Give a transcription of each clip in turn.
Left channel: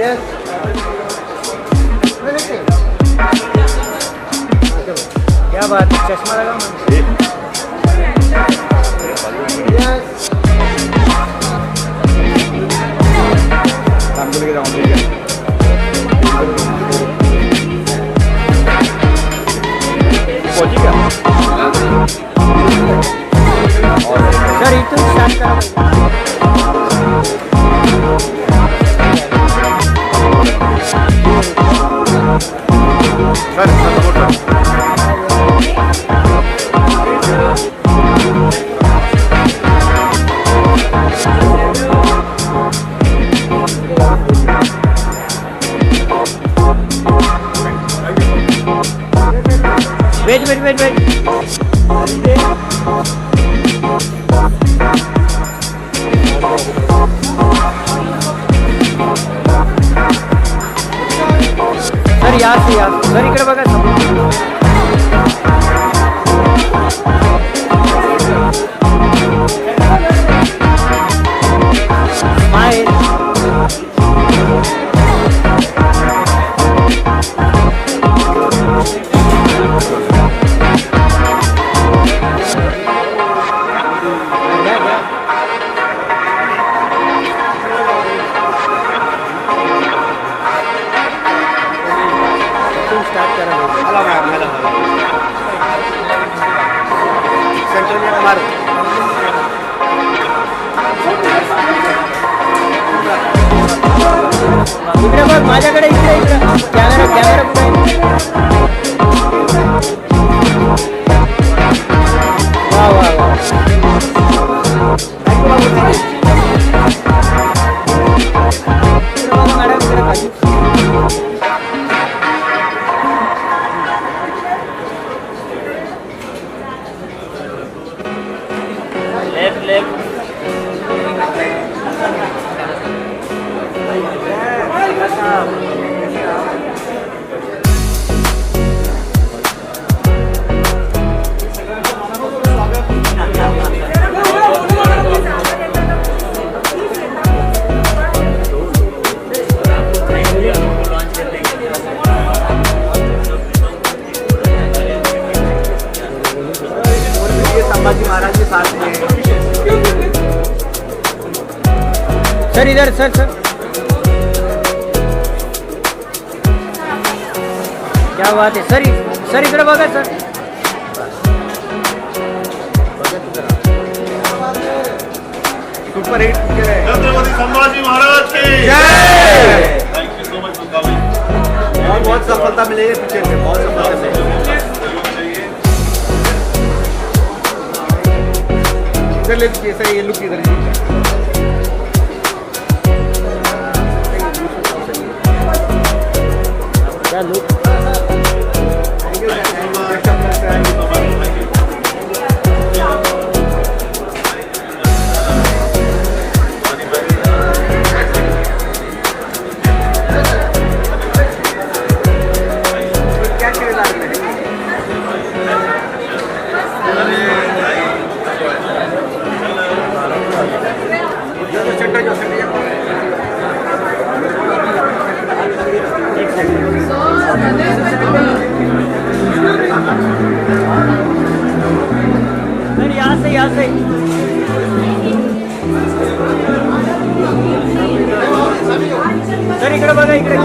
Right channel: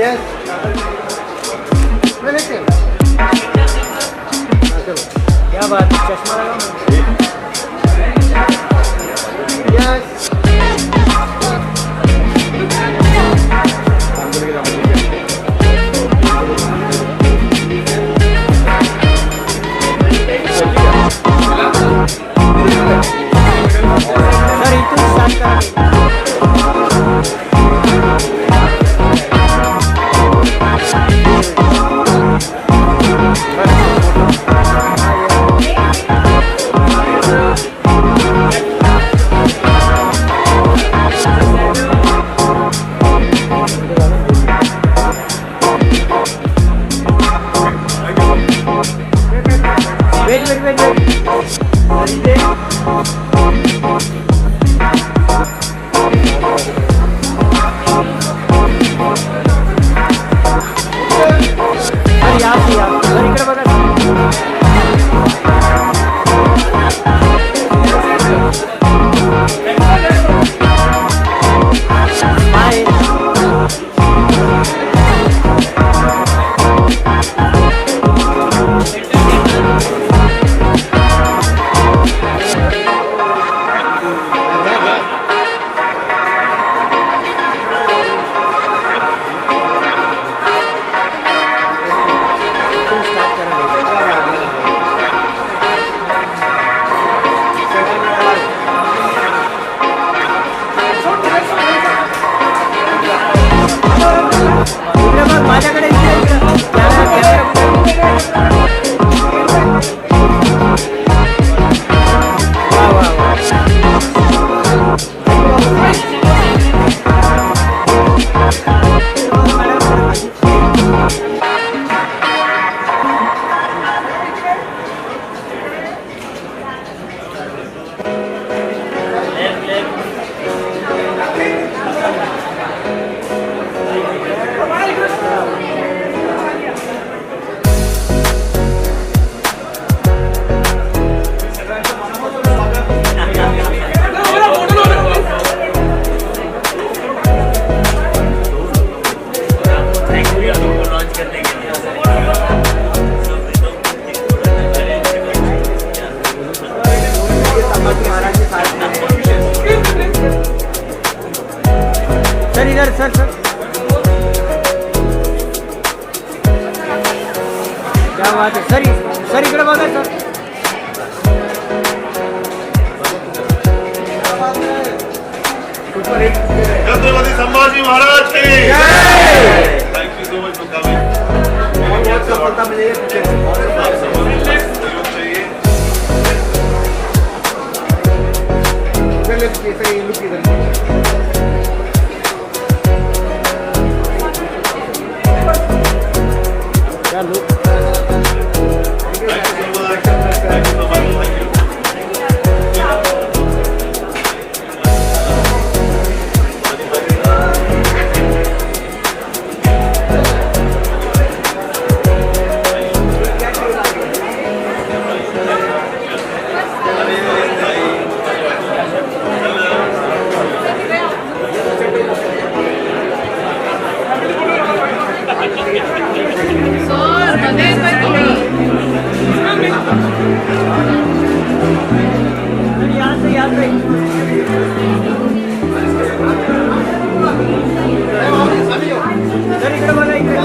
क्या बात है, चश्मा लगाओ ना। सर इथून स्टार्ट करा wait wait wait wait sir या सर इकडे बघा स्माइल माझ्याकडे इकडे कॅमेरा वा वा वा सर इधर सर क्या बात है सर इकडे बघा सर छत्रपती संभाजी महाराज की जय। Thank you so much for coming. बहुत सफलता मिलेगी आप सबको सहयोग चाहिए। सर ये लुक इधर क्या look thank you so much, thank you so much, thank you. Sir इकडे बघा इकडे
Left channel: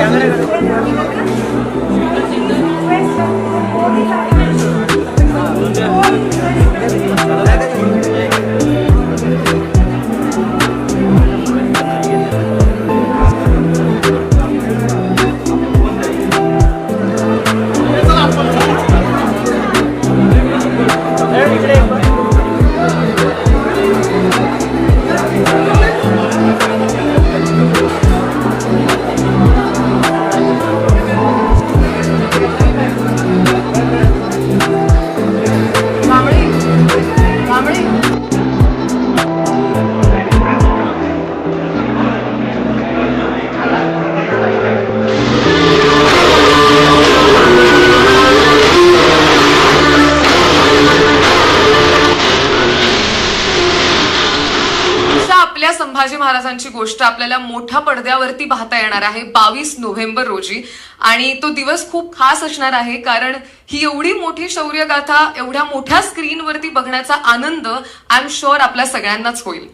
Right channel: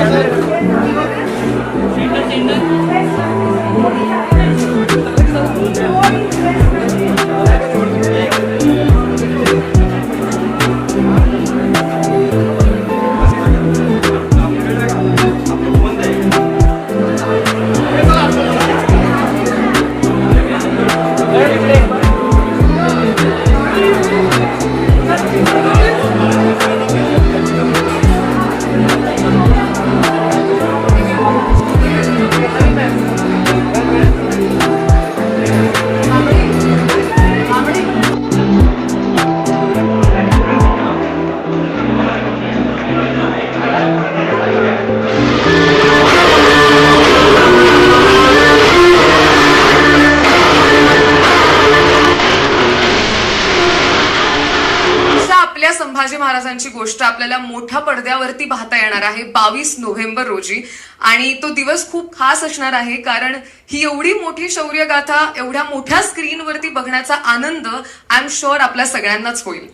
दिवसांची गोष्ट आपल्याला मोठ्या पडद्यावरती पाहता येणार आहे 22 नोव्हेंबर रोजी. आणि तो दिवस खूप खास असणार आहे, कारण ही एवढी मोठी शौर्यगाथा एवढ्या मोठ्या स्क्रीनवरती बघण्याचा आनंद आय एम शुअर आपल्या सगळ्यांनाच होईल.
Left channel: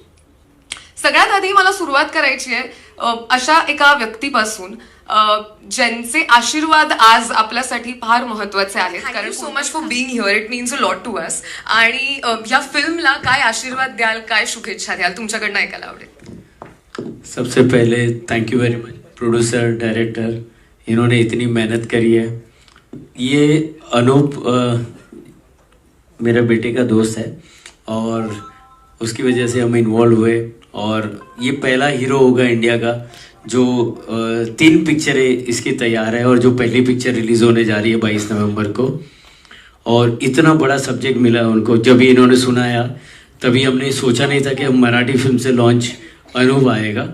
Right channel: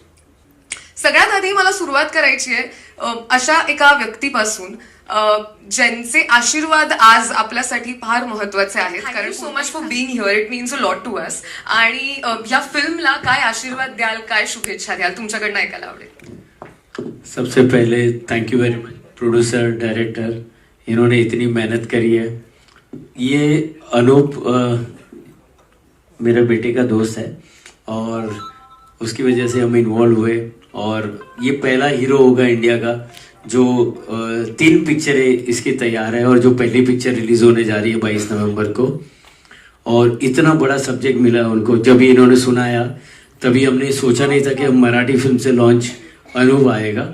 सगळ्यात आधी मला सुरुवात करायची आहे अशा एका व्यक्तीपासून ज्यांचे आशीर्वाद आज आपल्यासाठी फार महत्वाचे आहेत. कारण so much for being here, it means a lot to us. आणि या फिल्मला काय आशीर्वाद द्याल, काय शुभेच्छा द्याल, तुमच्याकडनं ऐकायला आवडेल. सबसे पहले thank you very much producer director, इन्होंने इतनी मेहनत करी है. ये अनूप मेरे बेटे का दोस्त है और उसकी वजह से हम इन्वॉल्व हुए. और ये पहला हीरो होगा इंडिया का जो 3 पिक्चरें इसकी तैयार है और जो पहली पिक्चर रिलीज होने जा रही है 22 नवंबर को. और इतना बड़ा सब्जेक्ट मिला उनको. जब इन्होंने सुनाया तभी हमने सोचा नहीं था कि हम मराठी फिल्म से लॉन्च अनूप आएगा.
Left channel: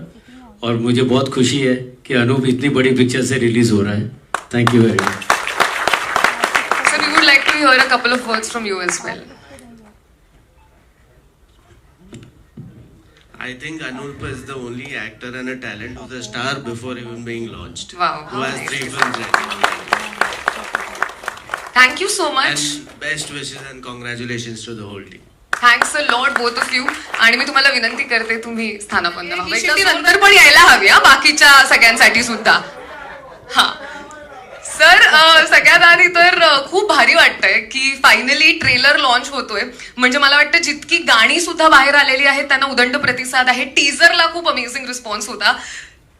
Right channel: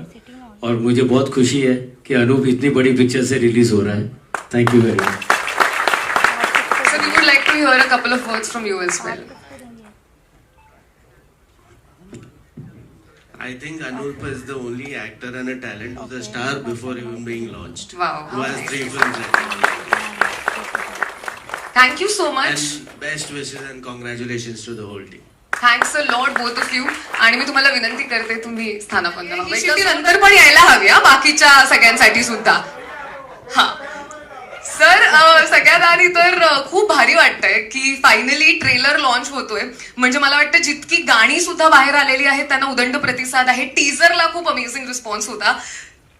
और मुझे बहुत खुशी है कि अनूप इतनी बड़ी पिक्चर से रिलीज हो रहा है. Thank you very much. So we would like to hear a couple of words from you as well. I think Anup is the only actor and a talent who's a star before even being launched. Wow. Who has 3 films. Thank you so much. And best wishes and congratulations to the whole team. Thanks a lot both of you. आणि मी तुम्हाला विनंती करते तुम्ही स्थानापन्न व्हावं. नंतर पण यायला हवी हा बाकीच्या सगळ्यांसाठी सुद्धा. हा सर, सगळ्यात आधी तर खूप भारी वाटतंय की फायनली ट्रेलर लॉन्च होतोय. म्हणजे मला वाटतं जितकी गाणी सुद्धा बाहेर आलेली आहेत त्यांना उदंड प्रतिसाद आहे. टीजरला खूप अमेझिंग रिस्पॉन्स होता.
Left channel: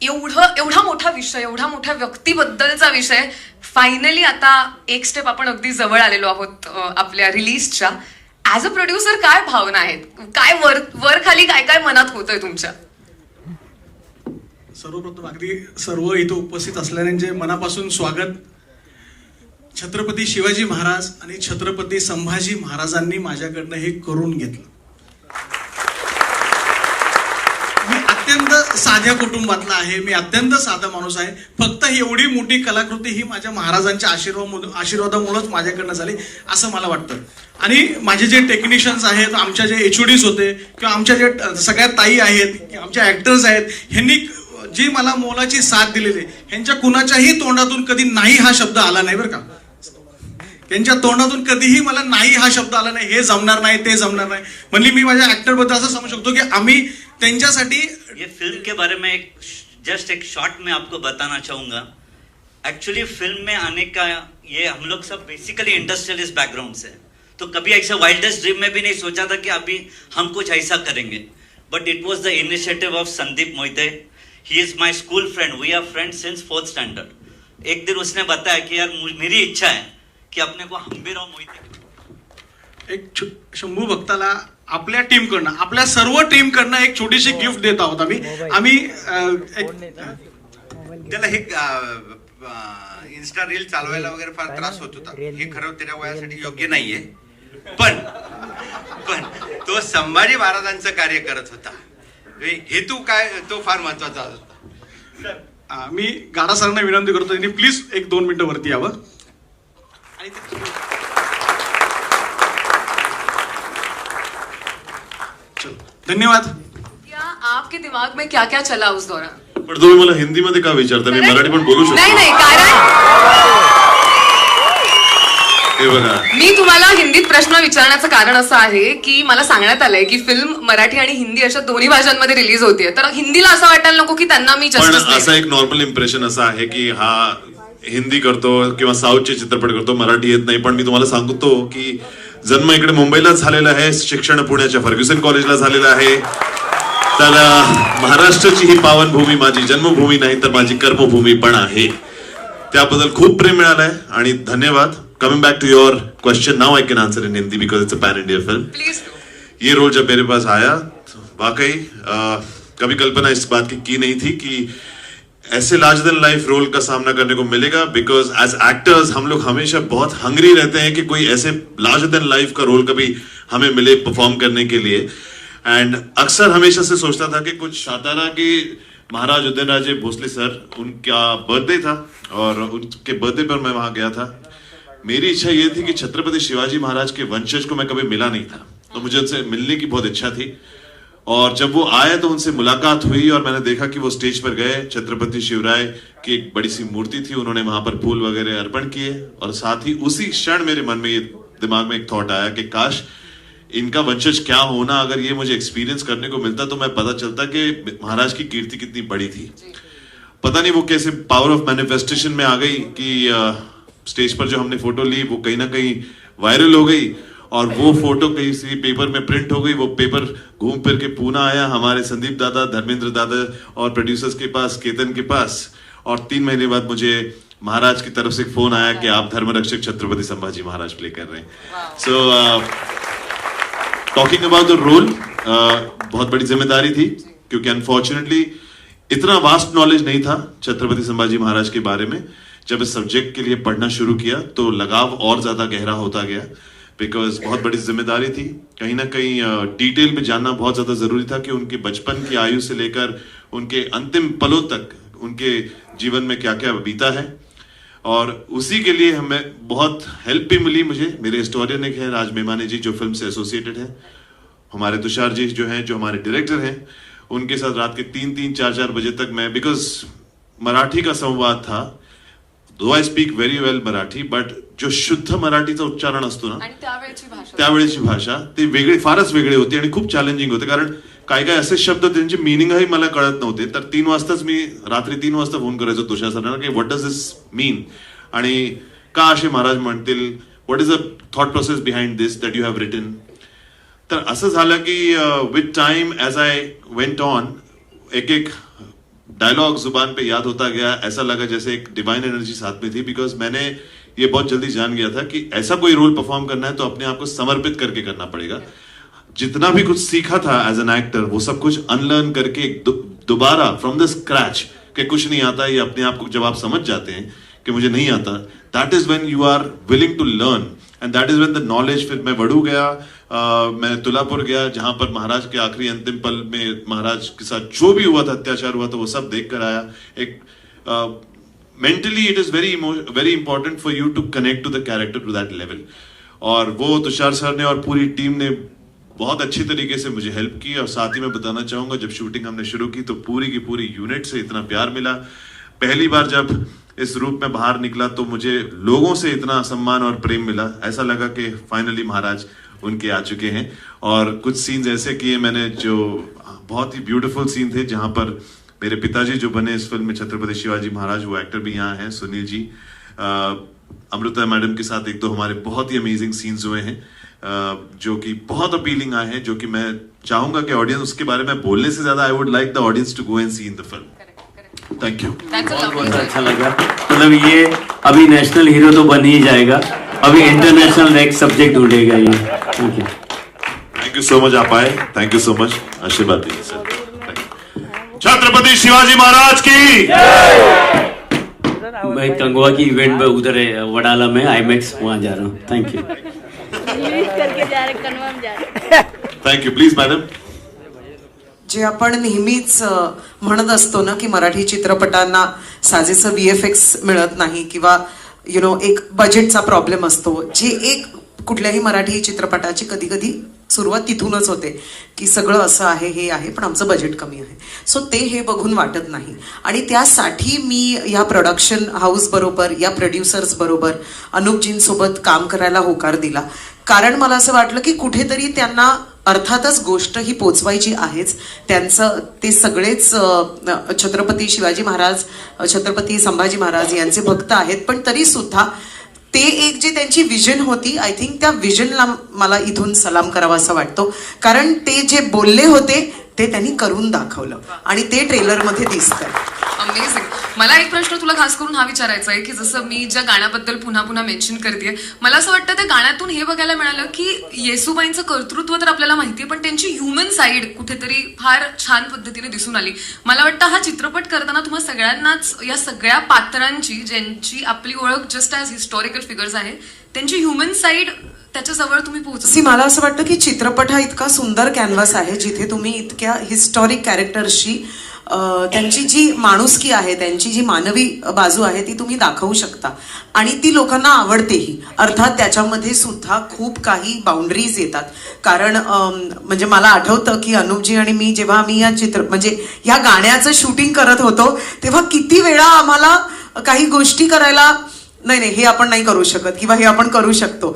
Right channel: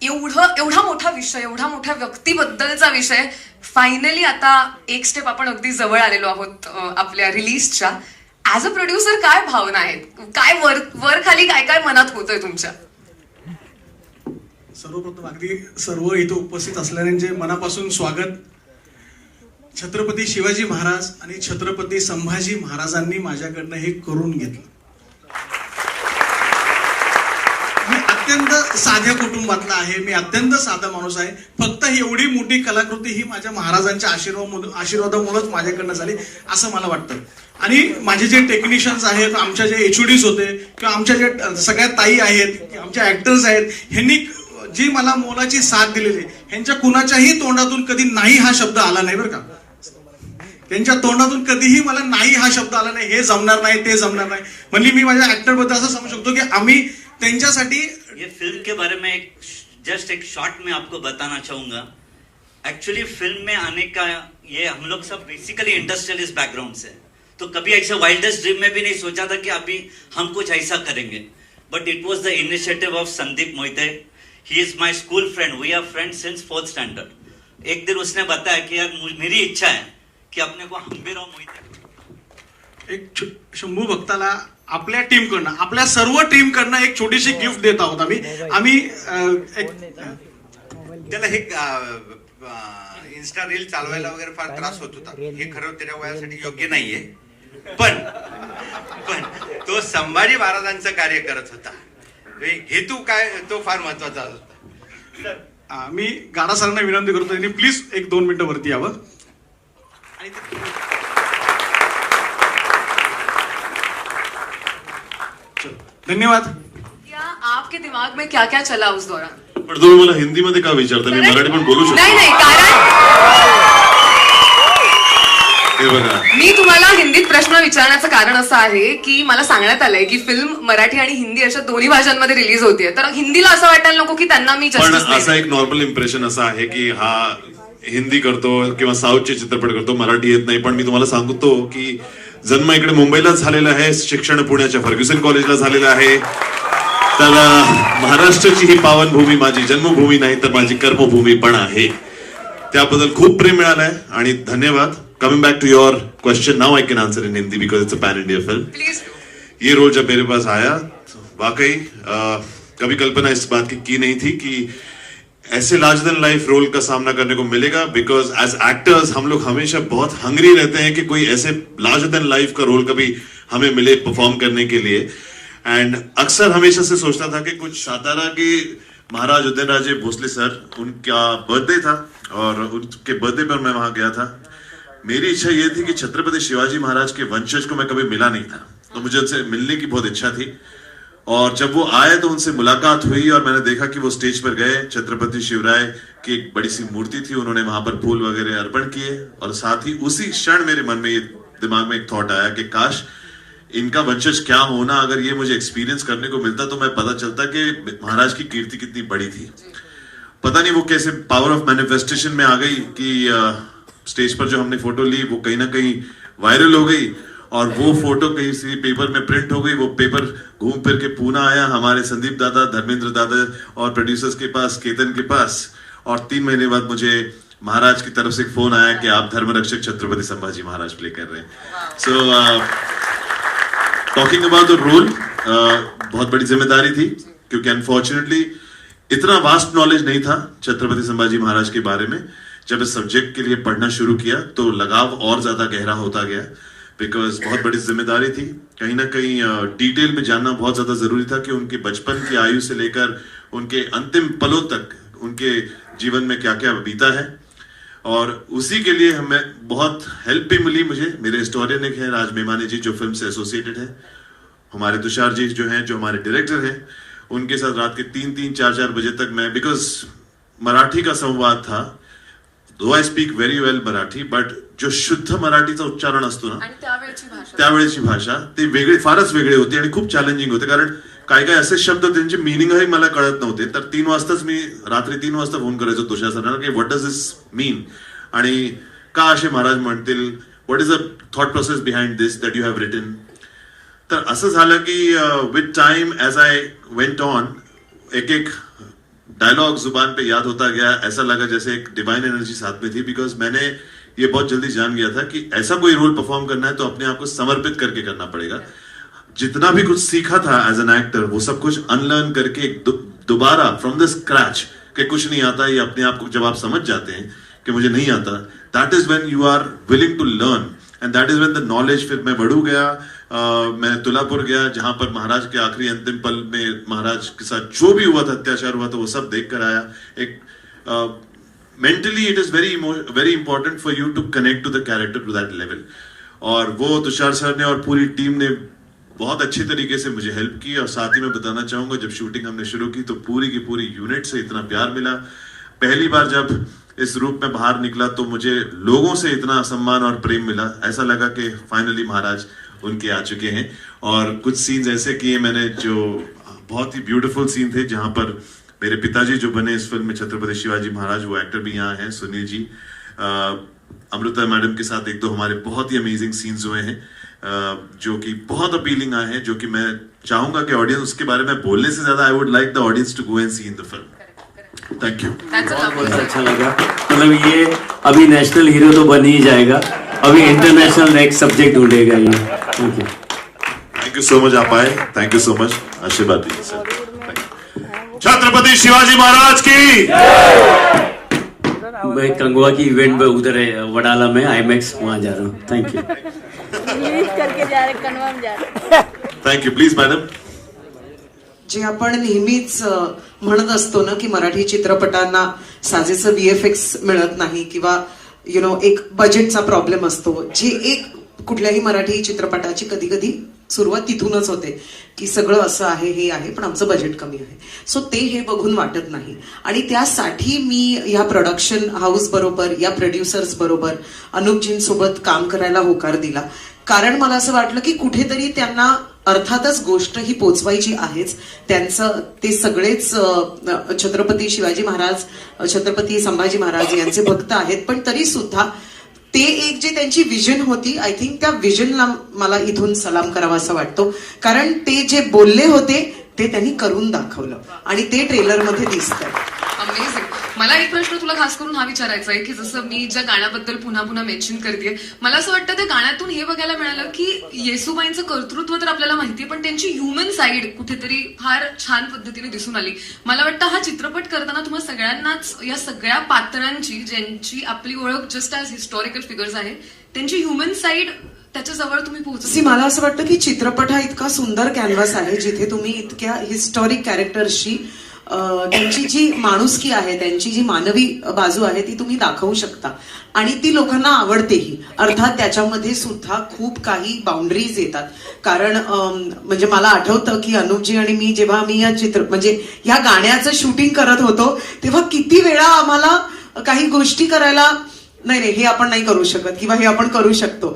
एवढा मोठा विषय, एवढा मोठ्या व्यक्तीबद्दलचा विषय, फायनली आता एक स्टेप आपण अगदी जवळ आलेलो आहोत आपल्या रिलीजच्या. ऍज अ प्रोड्युसर काय भावना आहेत, काय वर खाली काय काय मनात होतंय तुमच्या? सर्वप्रथम अगदी सर्व इथं उपस्थित असलेल्यांचे मनापासून स्वागत. छत्रपती शिवाजी महाराज आणि छत्रपती संभाजी महाराजांनी माझ्याकडनं हे करून घेतलं. मी अत्यंत साध्या कुटुंबातला आहे, मी अत्यंत साधा माणूस आहे. फक्त ही एवढी मोठी कलाकृती ही माझ्या महाराजांच्या आशीर्वादामुळेच माझ्याकडनं झाली असं मला वाटतं. आणि माझे जे टेक्निशियन्स आहेत, आमच्या जे एचओडीज होते किंवा आमच्या जे सगळ्या ताई आहेत, आमच्या ऍक्टर्स आहेत, ह्यांनी जी मला मोलाची साथ दिलेली, ह्यांच्या कुणाच्याही तोंडातून कधी नाही हा शब्द आला नाही बरं का. त्यांच्या तोंडातून कधीही मला नाही हा शब्द आला नाही, हे जमणार नाही, ते जमणार नाही. म्हणजे मी माझ्या ऍक्टर बद्दल असं समजू शकतो की आम्ही त्यांच्यासाठी. ये फिल्म के बारे में जस्ट एक शॉर्ट में आपको बताना चाहूंगा. एक्चुअली फिल्म में आने का ये हम लोग सब बेसिकली इंडस्ट्रियलिस्ट बैकग्राउंड से, तो कभी ऐसा वाइल्डेस्ट ड्रीम में भी नहीं सोचा था कि अभी हम कुछ ऐसा करेंगे. But it was the initiative of Sandeep Mohite. He is my school friend, we are friends since 4th standard. एक दिन उसने बताया कि यार मेरी इच्छा है कि अपने को हंबीराव मोहिते, एक शंभू भक्ताला आपल्या टीमकडनं, आपल्या सर्व टीमकडनं एक छोटीशी गिफ्ट देत आहोत आम्ही. त्याला हे इन्स्टा रील चालवायला वगैरे फार त्रास होत होता. हे खरं त्याच्या वयासाठी योग्य नाहीये, पण तो संभाजी महाराजांचं कार्य करत होता. हेतू काय तो फार महत्वाचा होता. मी गाडा सरांना विनंती करतो, त्यांनी प्लीज 1-2 मिनिटं वरती यावं. धन्यवाद. आपके दिमाग में क्या क्या चला उस दौरान? पण तुम्ही मला हिंदीमध्ये का विचारता? मी मराठी पण बोलू शकतो. नाही, कारण हे बघा, मी तुम्हाला हिंदीत प्रश्न विचारण्याचं कारण असं आहे की मला सांगण्यात आलंय की फिल्म मराठी आणि हिंदी अशा दोन्ही भाषांमध्ये रिलीज होतीये, तर हिंदीला असं वाटायला नको की त्यांना मी पण जस्टिस असा एक नॉर्मल इम्प्रेशन असा आहे की हा हिंदी करतो किंवा साऊथचे चित्रपट करतो, मराठी येत नाही. पण मी तुम्हाला सांगतो की जन्म इकडे मुंबईला झालेला आहे, शिक्षण पुण्याच्या फर्ग्युसन कॉलेजला झालेलं आहे. तर महाराष्ट्राची ही पावनभूमी माझी जन्मभूमी नाही तर माझी कर्मभूमी पण आहे. त्याबद्दल खूप प्रेम मिळालंय आणि धन्यवाद. Coming back to your question, now I can answer in Hindi because it's a pan India film. Please. ये रोल जब मेरे पास आया तो वाकई कभी कल्पना इस बात की नहीं थी कि ऐसे लार्जर देन लाइफ रोल का सामना करने को मिलेगा. बिकॉज एज एक्टर्स हम लोग हमेशा बहुत हंग्री रहते हैं कि कोई ऐसे लार्जर देन लाइफ का रोल कभी हमें मिले परफॉर्म करने के लिए. एंड अक्सर हमेशा से सोचता था कि कुछ सातारा के महाराज उदयनराजे भोसले सर, उनका बर्थडे था और उनके बर्थडे पर मैं वहां गया था. मेरी इच्छा ये थी कि छत्रपति शिवाजी महाराज के वंशज को मैं कभी मिला नहीं था, तो मुझे उनसे मिलने की बहुत इच्छा थी. और जब वो आए तो उनसे मुलाकात हुई और मैंने देखा कि वो स्टेज पर गए, छत्रपति शिवराय की एक बड़ी सी मूर्ति थी, उन्होंने वहां पर फूल वगैरह अर्पण किए और साथ ही उसी क्षण मेरे मन में ये दिमाग में एक थॉट आया कि काश इनका वंशज क्या होना, अगर ये मुझे एक्सपीरियंस करने को मिलता तो मैं पता चलता कि महाराज की कीर्ति कितनी बड़ी थी। पता नहीं वो कैसे पावर ऑफ मैनिफेस्टेशन में आ गई कि स्टेज पर जो हमने फोटो ली वो कहीं ना कहीं वायरल हो गई और वो फोटो कहीं से पेपर में प्रिंट हो गई। वो पेपर घूम फिर के पूना आया हमारे संदीप दादा, धर्मेंद्र दादा और प्रोड्यूसर्स के पास, केतन के पास, और 3 महीने बाद मुझे महाराज की तरफ से एक फोन आया कि आप धर्मरक्षक छत्रपति संभाजी महाराज प्ले कर रहे हैं। So talking about the role, बहुत बड़ी जिम्मेदारी थी क्योंकि अनफॉर्चुनेटली इतना वास्ट नॉलेज नहीं था छत्रपति संभाजी महाराज के बारे में। जब इस सब्जेक्ट के लिए पढ़ना शुरू किया तो लगाव और ज्यादा गहरा होता गया, बिकॉज बहुत बड़ी जिम्मेदारी थी। कहीं ना कहीं डिटेल में जानना बहुत ज्यादा जरूरी था कि उनके बचपन की आयु से लेकर उनके अंतिम पलों तक उनके जीवन में क्या क्या बीता है, और उसी के लिए हमें बहुत हेल्प भी मिली मुझे। मेरे हिस्टोरियन एक है राज मेमानी जी जो फिल्म से एसोसिएटेड है, हमारे तुषार जी जो हैं, जो हमारे डायरेक्टर हैं, उनके साथ रात के 3-3, 4-4 बजे तक मैं, बिकॉज मराठी का संवाद था, though I speak very well Marathi, but जो शुद्ध मराठीचा उच्चारण असतो ना आणि त्यावेळेची भाषा ती वेगळी, फारच वेगळी होती आणि खूप चॅलेंजिंग होते, कारण काय काय असे शब्द त्यांचे मिनिंगही मला कळत नव्हते. तर 3 वाजताच मी रात्री 3 वाजता फोन करायचो तुषार सरांना की व्हॉट डज दिस मीन आणि का असे महाराज म्हणतील, what is the thought process behind this that you have written. तर असं झालं की with time as I went on एक एक डायलॉग जुबान पे याद होता गया. ऐसा लगा जैसे एक डिवाइन एनर्जी साथ में थी, बिकॉज मैंने ये बहुत जल्दी जान गया था कि ऐसा कोई रोल परफॉर्म करना है तो अपने आप को समर्पित करके करना पड़ेगा. जितना भी कुछ सीखा था एज एन एक्टर वो सब कुछ अनलर्न करके दोबारा फ्रॉम द स्क्रैच कि कुछ नहीं आता, ये अपने आप को जब आप समझ जाते हैं कि मुझे नहीं आता, that is when you are willing to learn and that is when the knowledge. फिर मैं बड़ू गया, मैं तुलापुर गया जहां पर महाराज के आखिरी अंतिम पल में महाराज के साथ जो भी हुआ था, अत्याचार हुआ था, वो सब देख कर आया. एक mentally it is very important for you to connect to the character to that level. और वो तुषार सर ने और पूरी टीम ने बहुत अच्छी तरीके से मुझे हेल्प की. और साथ ही मैं बताना चाहूंगा जब शूटिंग हमने शुरू की तो पूरी की पूरी यूनिट से इतना प्यार मिला. पहली बार जब इस रूप में बाहर निकला तो मुझे लोगों से इतना सम्मान और प्रेम मिला. ऐसा लगा कि फाइनली महाराज उनके आ चुके हैं. और कुछ सीन्स ऐसे किए मैंने जो बहुत ही ब्यूटीफुल सीन थे, जहां पर मेरे पिताजी जो बने इस फिल्म में छत्रपति शिवाजी महाराज, वो एक्टर भी यहाँ हैं, सुनील जी. अमृता मैडम के साथ 1-2 हमारे बहुत ही अमेजिंग सीन्स हुए हैं जो कि बहुत अपीलिंग आए हैं, जो कि मैं चाहूंगा कि ऑडियंस उसके बारे में बोलने से ज्यादा I would like the audience to go and see in the film. Thank you. बहुत अच्छा लगा. मतलब ये अभी नेशनल हीरो तो बन ही जाएगा, अभी इंटरनेशनल नेक्स्ट सब्जेक्ट ढूंढेगा ये. Thank you. Thank you so much. आप आए, थैंक यू सो मच. आशीर्वाद दीजिए सर. छत्रपति शिवाजी महाराज की. मैं कंगवा की इवेंट पे उधर है वडाला में आईमैक्स, वहां जा रहा हूँ. Thank you. करके जा रहे, कन्वा में जा रहे. Thank you. Please madam. जे आपण नेहमीच म्हणत असतो ना की मराठी चित्रपटांना साजेसं VFX मिळत नाही किंवा एक बजेटचा प्रॉब्लेम असतो, जे एक कुठल्याही मराठी चित्रपटाची कधी कधी सुरुवात तिथूनच होते की सगळं असं आहे, हे आहे, पण आमचं बजेट कमी आहे. सो ते हे बघून वाटत नाही. आणि त्यासाठी मी या प्रोडक्शन हाऊस बरोबर, या प्रोड्युसर्स बरोबर, अनुपजींसोबत काम करायला होकार दिला. कारण मला असं वाटलं की कुठेतरी त्यांना अर्थातच गोष्ट ही पोचवायची आहेच. त्यांचं ते सगळेच छत्रपती शिवाजी महाराज, छत्रपती संभाजी महाराज यांचे भक्त आहेत, पण तरी सुद्धा ते एक जे त्यांची विजन होती, आय थिंक त्या विजनला मला इथून सलाम करावा असं वाटतो. कारण ते जे बोलले होते ते त्यांनी करून दाखवलं आणि ते ट्रेलरमध्ये दिसतं. अमेझिंग. मला एक प्रश्न तुला खास करून हा विचारायचा आहे की जसं मी ज्या गाण्याबद्दल पुन्हा पुन्हा मेन्शन करते, मला असं वाटतं त्या गाण्यातून हे बघायला मिळालं की येसुबाईंचं कर्तृत्व तर आपल्याला माहितीये, पण त्यांची ह्युमन साईड कुठेतरी फार छान पद्धतीने दिसून आली. मला वाटतं हा चित्रपट करताना तुम्हा सगळ्यांनाच या सगळ्या पात्रांची, ज्यांची आपली ओळख जस्ट ॲज हिस्टॉरिकल फिगर्स आहे, त्यांची ह्युमन साईड त्याच्याजवळ तुम्ही पोहोचली. मला असं वाटतं की चित्रपट हा इतका सुंदर कॅनव्हास आहे जिथे तुम्ही इतक्या हिस्टॉरिक कॅरेक्टर्सची त्यांची जी माणुसकी आहे, त्यांची जी मानवी बाजू आहे ती तुम्ही दाखवू शकता आणि ती लोकांना आवडतेही. अर्थात त्याच्यामध्ये सुद्धा खूप काही बाउंड्रीज येतात. कारण म्हणजे मला आठवतं की अनुपजी आणि मी जेव्हा आम्ही म्हणजे या गाण्याचं शूटिंग करत होतो तेव्हा किती वेळा आम्हाला काही गोष्टी करायला नाही हे आपण नाही करू शकत किंवा हे आपण करू शकतो,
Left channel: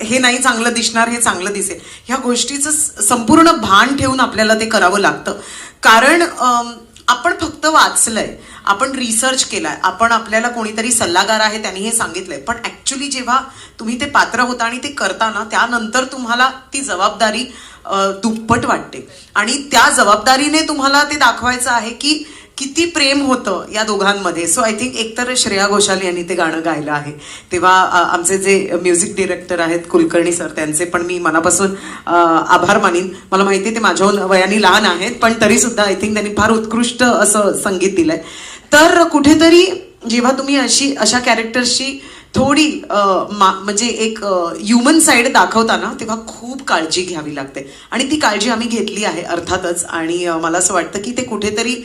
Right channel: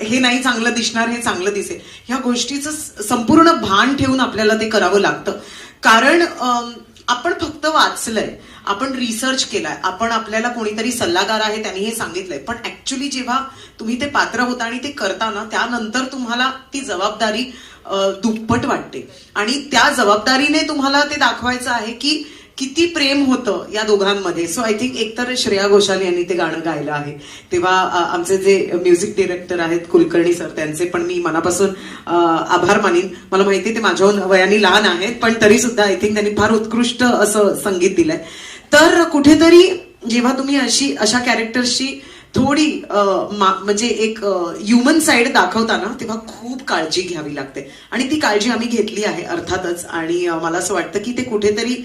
हे नाही चांगलं दिसणार, हे चांगलं दिसेल, ह्या गोष्टीचं संपूर्ण भान ठेवून आपल्याला ते करावं लागतं. कारण आपण फक्त वाचलंय, आपण रिसर्च केलाय, आपण आपल्याला कोणीतरी सल्लागार आहे त्यांनी हे सांगितलंय, पण ऍक्च्युली जेव्हा तुम्ही ते पात्र होता आणि ते करताना त्यानंतर तुम्हाला ती जबाबदारी दुप्पट वाटते आणि त्या जबाबदारीने तुम्हाला ते दाखवायचं आहे की किती प्रेम होतं या दोघांमध्ये. सो आय थिंक एकतर श्रेया घोषाल यांनी ते गाणं गायलं आहे, तेव्हा आमचे जे म्युझिक डिरेक्टर आहेत कुलकर्णी सर, त्यांचे पण मी मनापासून आभार मानीन. मला माहिती आहे ते माझ्याहून वयाने लहान आहेत, पण तरी सुद्धा आय थिंक त्यांनी फार उत्कृष्ट असं संगीत दिलंय. तर कुठेतरी जेव्हा तुम्ही अशा कॅरेक्टर्सची थोडी म्हणजे एक ह्युमन साईड दाखवताना तेव्हा खूप काळजी घ्यावी लागते आणि ती काळजी आम्ही घेतली आहे अर्थातच. आणि मला असं वाटतं की ते कुठेतरी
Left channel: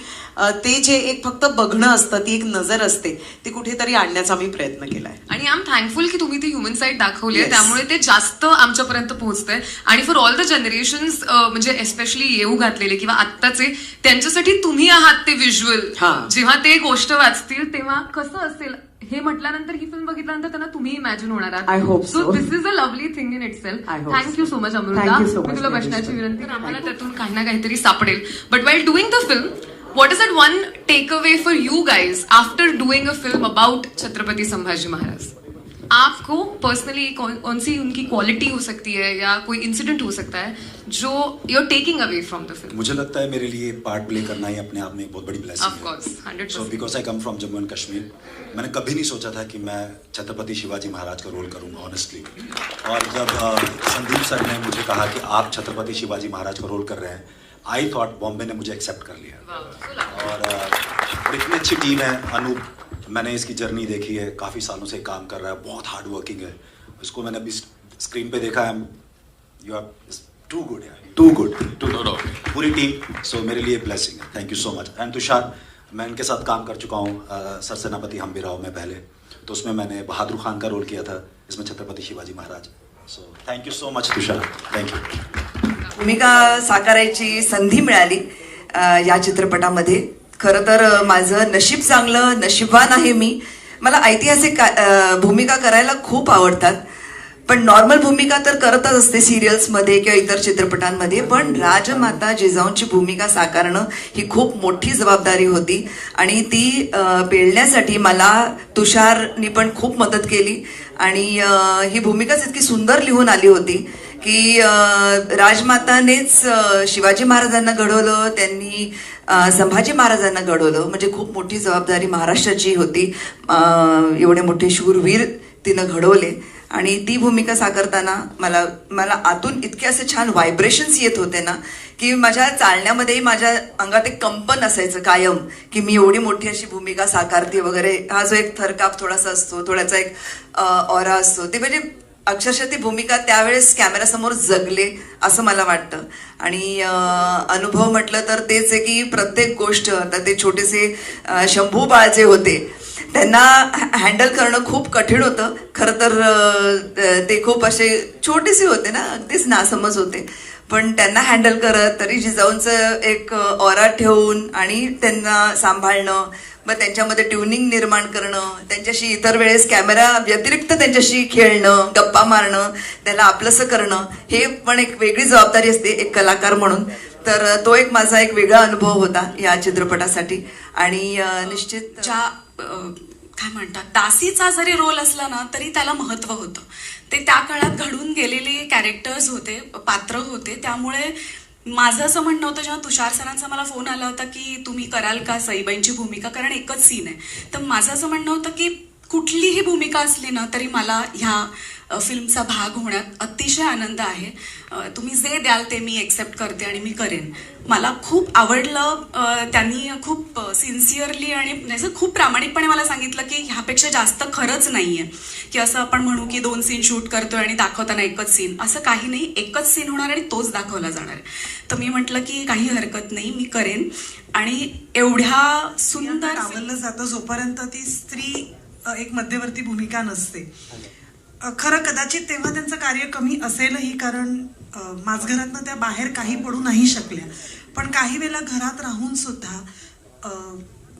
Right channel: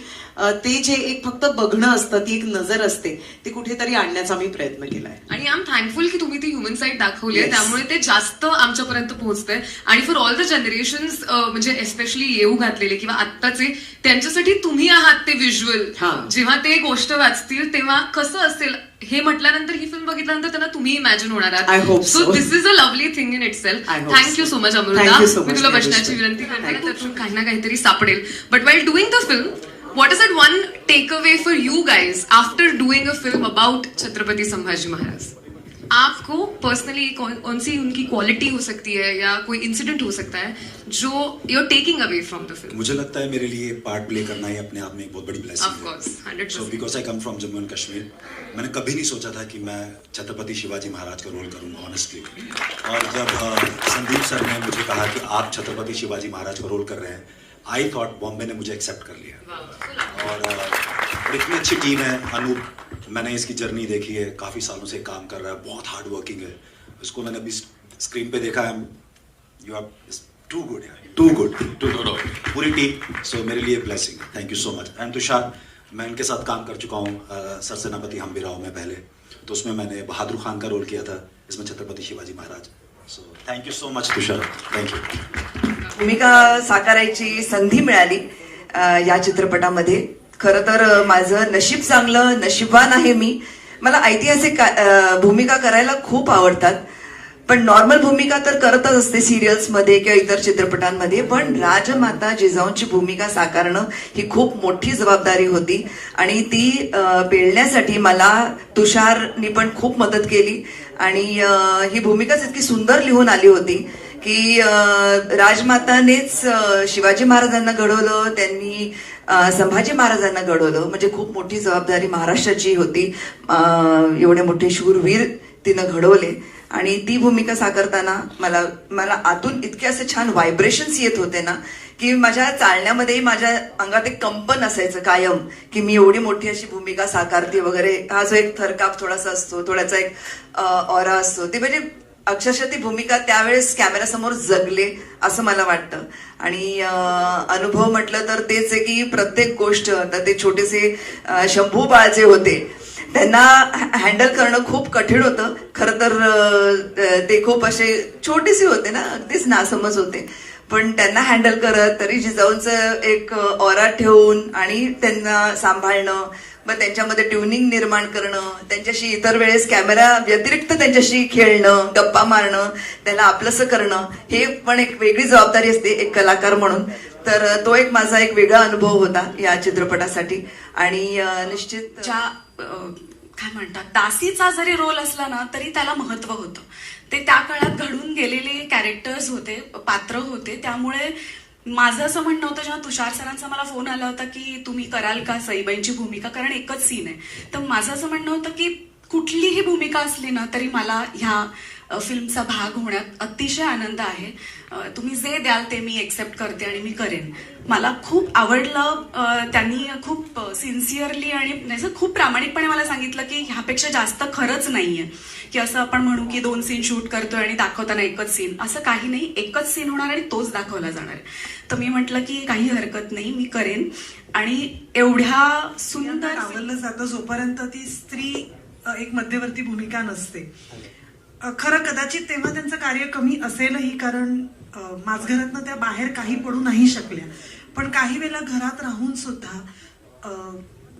ते जे एक फक्त बघणं असतं, ती एक नजर असते, ती कुठेतरी आणण्याचा आम्ही प्रयत्न केलाय. आणि आय एम थँकफुल की तुम्ही ती ह्युमन साईड दाखवली आहे, Yes. त्यामुळे ते जास्त आमच्यापर्यंत पोहोचतंय. आणि फॉर ऑल द जनरेशन्स म्हणजे एस्पेशली येऊ घातलेले किंवा आत्ताचे, त्यांच्यासाठी तुम्ही आहात ते व्हिज्युअल. जेव्हा ते गोष्ट वाचतील तेव्हा कसं असेल हे म्हटल्यानंतर, ही फिल्म बघितल्यानंतर त्यांना तुम्ही इमॅजिन होणार I hope आहात. So so. This is a lovely thing in it self. I hope thank you so. So much Thank Amruta. you so me much, तुला Nadish. बसण्याची विनंती करते, त्यातून काही ना काहीतरी सापडेल. But while doing the film, what is that one takeaway for you guys after doing a film about Chhatrapati Sambhaji Maharaj? आपको पर्सनली कौन सी उनकी क्वालिटी हो सकती है या कोई इंसिडेंट हो सकता है जो you are taking away from the film? मुझे लगता है मेरे लिए पार्ट प्ले करना ही अपने आप में एक बहुत बड़ी blessing Of course, 100%. So because I come from Jammu and Kashmir, मैंने कभी नहीं सोचा था कि मैं छत्रपति शिवाजी महाराज का रोल करूंगा ऑनेस्टली. और जब संदीप सर ने मुझे कहा कि आप छत्रपति शिवाजी महाराज का रोल कर रहे हैं, आई थॉट बॉम्बे ने मुझे एक्सेप्ट कर लिया. और इतनी अच्छी टीम है. अनूप, मैंने इसकी जर्नी देखी है, काफी सालों से काम कर रहा है, बहुत हार्ड वर्किंग है. उसको मैंने अभी स्क्रीन पे देखा है, यू आर टू गुड यार, टू गुड. पूरी टीम. सो मेरे लिए blessing. Thank you so much. And Tushar, मैं इनके साथ काम कर चुका हूँ सरसेनापति हम्बीराव में पहले, तो उसमें मैंने बहादुर खान का रोल किया था, इसमें Chhatrapati Shivaji Maharaj. So thank you so much Tushar. Thank you. भूमिका साकारायची संधी मिळाली या चित्रपटामध्ये. खरं तर माझं नशीब चांगलं, नशीबवान आहे मी. मला ऐतिहासिक भूमिका करायला खूप आवडतात, पण नॉर्मल भूमिका तर करतच असते सिरियल्समध्ये किंवा इतर चित्रपटांमध्ये, पण राजमाता जिजाऊंची भूमिका साकारणं ही खूप मोठी जबाबदारी होती आणि ती पेलण्यासाठी मला तुषारनी पण खूप मदत केली. आणि ही भूमिकाच इतकी सुंदर लिहून आली होती की राजमातानेच शिवाजी महाराजांना घडवलं, त्यांनी संभाजी महाराजांना घडवलं, म्हणजे खूप मोठी जबाबदारी महाराष्ट्राची होती. एवढे मोठे शूरवीर तिनं घडवले आणि ती भूमिका साकारताना मला आतून इतके असे छान व्हायब्रेशन्स येत होते ना की माझ्या चालण्यामध्ये माझ्या अंगात एक कंपन असायचं कायम की मी एवढी मोठी अशी भूमिका साकारते वगैरे. हा जो एक थरकाप थोडासा असतो, थोडासा एक ऑरा असतो, ते म्हणजे अक्षरशः ती भूमिका त्यावेळेस कॅमेऱ्यासमोर जगले असं मला वाटतं. आणि अनुभव म्हटलं तर तेच आहे की प्रत्येक गोष्ट, आता ते छोटेसे शंभू बाळ जे होते त्यांना हँडल करणं खूप कठीण होतं. खरं तर ते खूप असे छोटेसे होते ना, अगदीच नासमज होते, पण त्यांना हँडल करत तरी जिजाऊंचं एक ऑरा ठेवून आणि त्यांना सांभाळणं, मग त्यांच्यामध्ये ट्युनिंग निर्माण करणं, त्यांच्याशी इतर वेळेस कॅमेरा व्यतिरिक्त त्यांच्याशी खेळणं, गप्पा मारणं, त्याला आपलंसं करणं, हे पण एक वेगळी जबाबदारी असते एक कलाकार म्हणून. तर तो एक माझा एक वेगळा अनुभव होता या चित्रपटासाठी. आणि निश्चित काय म्हणतात, दासीचा जरी रोल असला ना तरी त्याला महत्व होतं. ते त्या काळात घडून गेलेले कॅरेक्टर्स होते, पात्र होते. त्यामुळे माझं असं म्हणणं होतं, जेव्हा तुषार सरांचा मला फोन आला होता की तुम्ही कराल का सईबाईंची भूमिका, कारण एकच सीन आहे, तर माझं असं म्हणणं होतं की कुठलीही भूमिका असली ना तरी मला ह्या फिल्मचा भाग होण्यात अतिशय आनंद आहे. तुम्ही जे द्याल ते मी एक्सेप्ट करते आणि मी करेन. मला खूप आवडलं. त्यांनी खूप सिन्सिअरली आणि खूप प्रामाणिकपणे मला सांगितलं की ह्यापेक्षा जास्त खरंच नाहीये, की असं आपण म्हणू की 2 सीन शूट करतोय आणि दाखवताना एकच सीन, असं काही नाही. एकच सीन होणार आणि तोच दाखवला जाणार. तर मी म्हटलं की काही हरकत नाही, मी करेन. आणि एवढ्या सुंदर डावललं जातं जोपर्यंत ती स्त्री एक मध्यवर्ती भूमिका नसते. खरं कदाचित तेव्हा त्यांचं कार्य कमी असेलही, कारण माझघरातनं त्या बाहेर काही पडू नाही शकल्या. पण काही वेळेला घरात राहून सुद्धा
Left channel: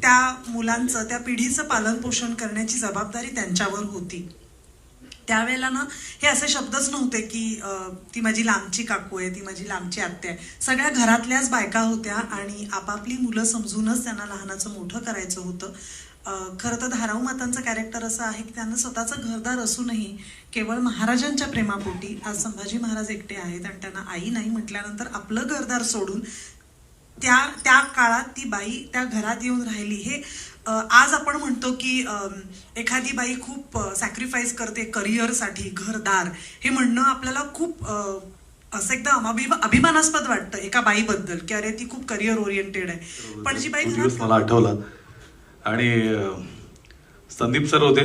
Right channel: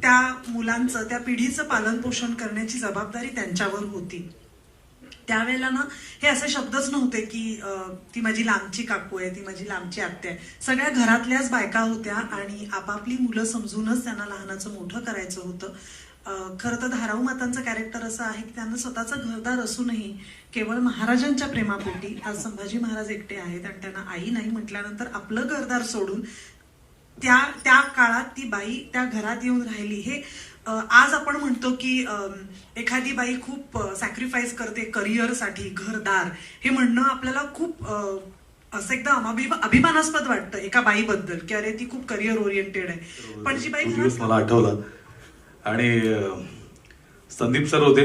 त्या मुलांचं, त्या पिढीचं पालन पोषण करण्याची जबाबदारी त्यांच्यावर होती. त्यावेळेला ना हे असे शब्दच नव्हते की ती माझी लांबची काकू आहे, ती माझी लांबची आत्या आहे. सगळ्या घरातल्याच बायका होत्या आणि आपापली मुलं समजूनच त्यांना लहानाचं मोठं करायचं होतं. खरं तर धाराऊ मातांचं कॅरेक्टर असं आहे की त्यांना स्वतःचं घरदार असूनही केवळ महाराजांच्या प्रेमापोटी आज संभाजी महाराज एकटे आहेत आणि त्यांना आई नाही म्हटल्यानंतर आपलं घरदार सोडून त्या काळात ती बाई त्या घरात येऊन राहिली. हे आज आपण म्हणतो की एखादी बाई खूप सॅक्रिफाईस करते करिअरसाठी, घरदार, हे म्हणणं आपल्याला खूप असं एकदम अभिमानास्पद वाटतं एका बाईबद्दल की अरे ती खूप करिअर ओरिएंटेड आहे. पण जी बाई मला आठवलं आणि संदीप सर होते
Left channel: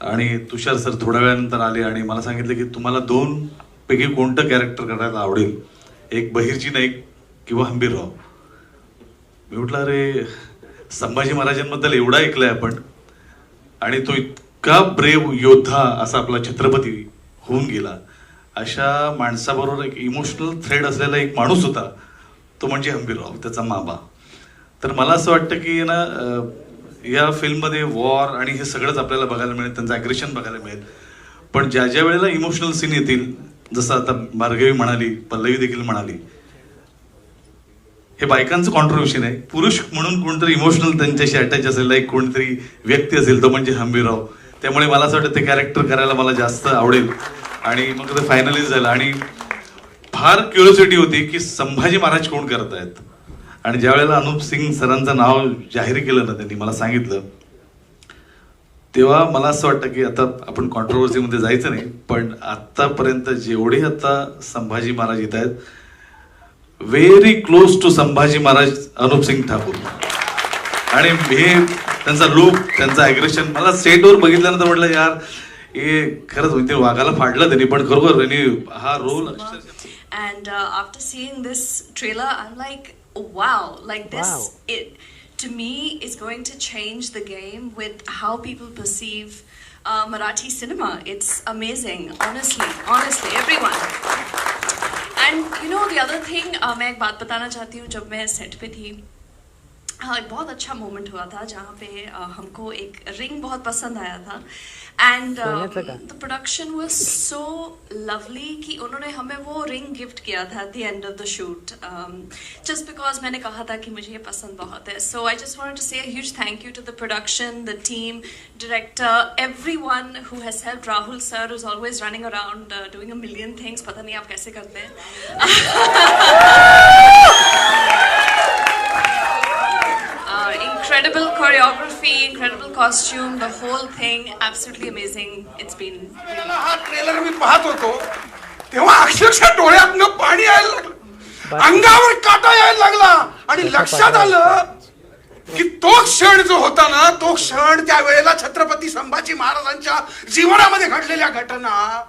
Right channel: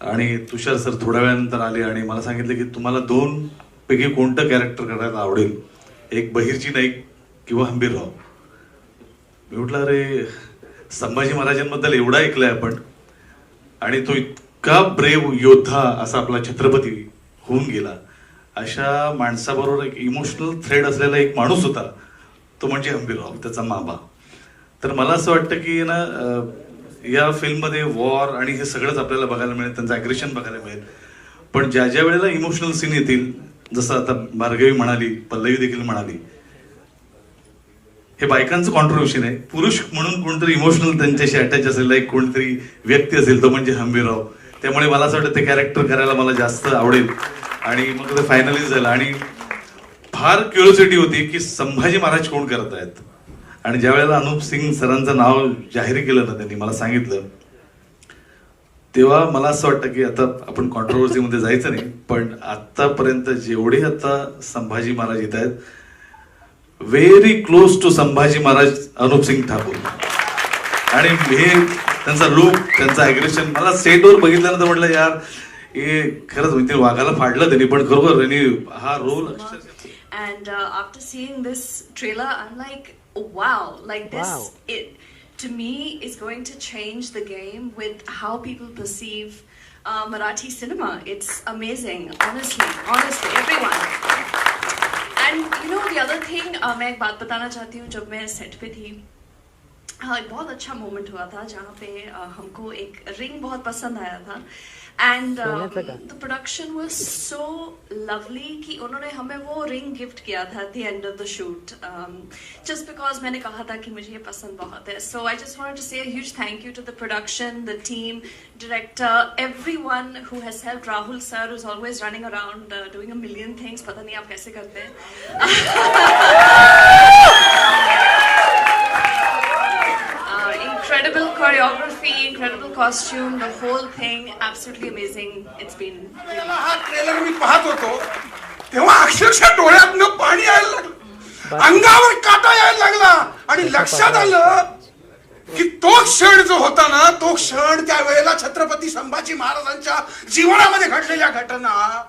आणि तुषार सर थोड्या वेळानंतर आले आणि मला सांगितलं की तुम्हाला 2 पैकी कोणतं कॅरेक्टर करायला आवडेल, एक बहिर्जी नाईक किंवा हंबीरराव. मी म्हटलं अरे संभाजी महाराजांबद्दल एवढा ऐकलंय आपण आणि तो इतका ब्रेव योद्धा असा आपला छत्रपती होऊन गेला, अशा माणसाबरोबर एक इमोशनल थ्रेड असलेला एक माणूस होता, तो म्हणजे हंबीरराव, त्याचा मामा. तर मला असं वाटतं की ना या फिल्ममध्ये वॉर आणि हे सगळंच आपल्याला बघायला मिळेल, त्यांचं अग्रेशन बघायला मिळेल. पण ज्या ज्या वेळेला इमोशनल सीन येतील, जसं आता भार्गवी म्हणाली, पल्लवी देखील म्हणाली, हे बायकांचं कॉन्ट्रिब्युशन आहे. पुरुष म्हणून कोणतरी इमोशनल त्यांच्याशी अटॅच असलेला एक कोणतरी व्यक्ती असेल, तो म्हणजे हंबीरराव. त्यामुळे मला असं वाटतं ते कॅरेक्टर करायला मला जास्त आवडेल आणि मग ते फायनलाइज झालं. आणि फार क्युरिओसिटी होती की संभाजी महाराज कोण करत आहेत. आणि ज्या वेळेला अनुप सिंग सरांचं नाव जाहीर केलं ना, त्यांनी मला सांगितलं, तेव्हा मला असं वाटतं की आता आपण कॉन्ट्रोवर्सीमध्ये जायचं नाही, पण आतापर्यंत जेवढे आता संभाजी महाराज येत आहेत, very close to Sambhaji Maharaj Anup Singh Thakur. आणि हे त्यांचा लुक, त्यांचं अग्रेशन, मला सेटवर बघितल्यानंतर म्हटलं यार हे खरंच म्हणजे वाघाला फाडलं त्यांनी, पण खरोखर त्यांनी हा role. And after seeing this trailer, I'm like, oh, wow, like this, to me, is going to change the game with how people perceive Marathi cinema. It's amazing, honestly, everyone. And you know, the other thing, मैं एक बात बताना चाहती हूँ. जब मैं set पे थी, हाँ, एक बहुत अच्छा मोमेंट हुआ था जहाँ पे हमको एक रिंग बहुत पसंद आया था. And the production was so lovely कि उन्होंने हमें वो रिंग गिफ्ट किया था at the end of the shoot, just because मैंने कहा था कि मुझे ये पसंद बहुत है. So I just wanted to say a huge thank you to the production, the team, director, everyone who has helped. Rahul sir, who's always running around doing a million things. पता नहीं आप कैसे करते हैं. Incredible choreography, incredible costume, the whole thing, absolutely amazing. It's been. हा trailer मी पाहत होतो तेव्हा अक्षरशः डोळ्यातनं पाणी यायला लागलं, अंगावर काटा यायला लागला आणि लक्षात आलं की तो क्षण जो होता ना, तो क्षण त्या वेळेला छत्रपती संभाजी महाराजांच्या जीवनामध्ये घडलेल्या घटना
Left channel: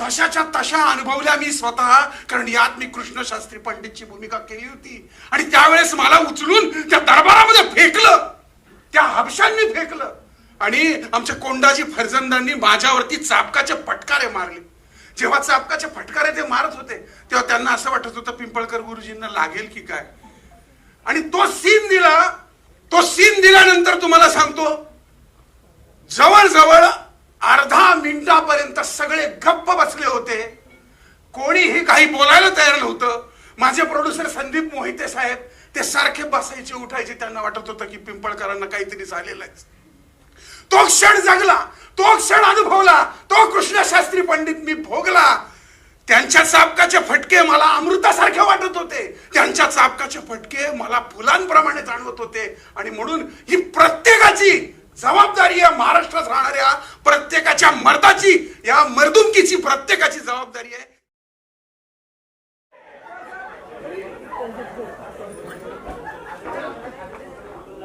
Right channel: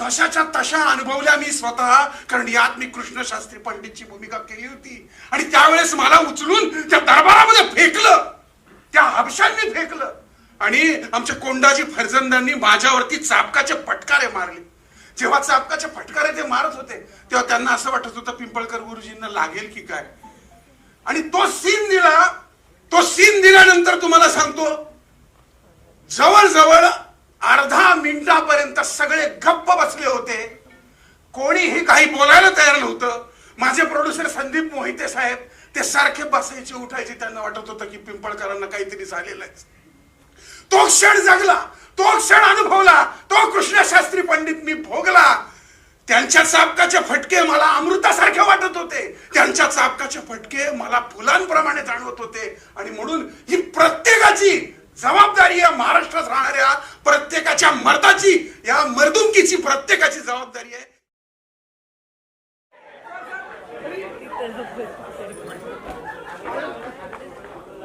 तशाच्या तशा अनुभवल्या मी स्वतः. कारण यात मी कृष्णशास्त्री पंडितची भूमिका केली होती आणि त्यावेळेस मला उचलून त्या दरबारामध्ये फेकलं, त्या हबशांनी फेकलं आणि आमच्या कोंडाजी फर्जंदांनी माझ्यावरती चाबकाचे फटकारे मारले. जेव्हा चाबकाचे फटकारे ते मारत होते तेव्हा त्यांना असं वाटत होतं पिंपळकर गुरुजींना लागेल की काय. आणि तो सीन दिल्यानंतर तुम्हाला सांगतो, जवळजवळ अर्धा मिनिटापर्यंत सगळे गप्प बसले होते, कोणीही काही बोलायला तयार नव्हतं. माझे प्रोड्युसर संदीप मोहिते साहेब ते सारखे बसायचे उठायचे, त्यांना वाटत होतं की पिंपळकरांना काहीतरी झालेलं आहे. तो क्षण जगला, तो क्षण अनुभवला, तो कृष्णशास्त्री पंडित मी भोगला. त्यांच्या चाबकाचे फटके मला अमृतासारखे वाटत होते, त्यांच्या चाबकाचे फटके मला फुलांप्रमाणे जाणवत होते. आणि म्हणून ही प्रत्येकाची जबाबदारी आहे महाराष्ट्रात राहणाऱ्या प्रत्येकाच्या मर्दाची, या मर्दुमकीची प्रत्येकाची जबाबदारी आहे.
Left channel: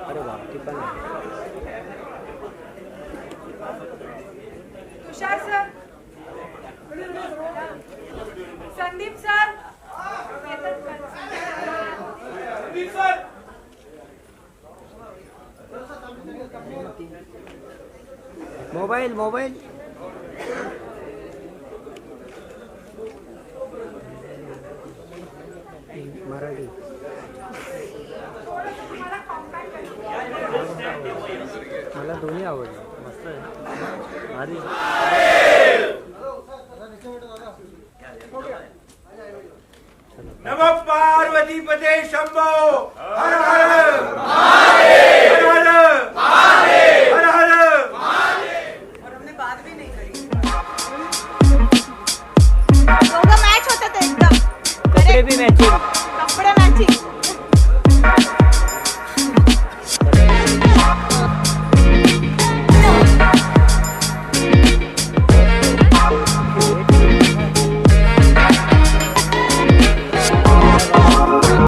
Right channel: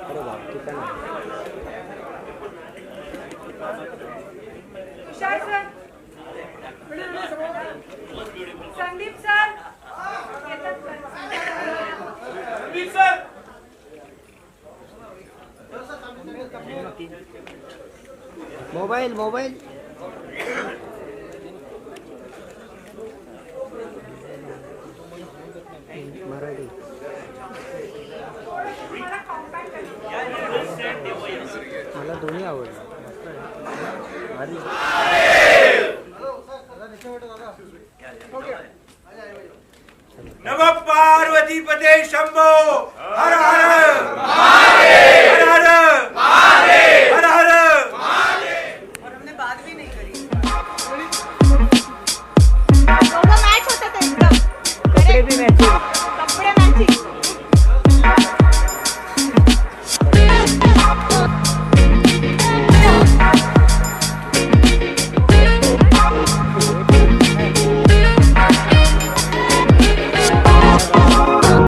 अरे बाप ती पण Tushar sir, Sandeep sir, mobile mobile Marathi मला दोन्ही आवडलं. भारी. नमः पार्वती पते शंभो हर हर महादेव, हर हर महादेव, हर हर महादेव. और हमने बात भी नहीं करी. दोघं मॅच होतं ते एकदम. कपडे बी मॅचिंग.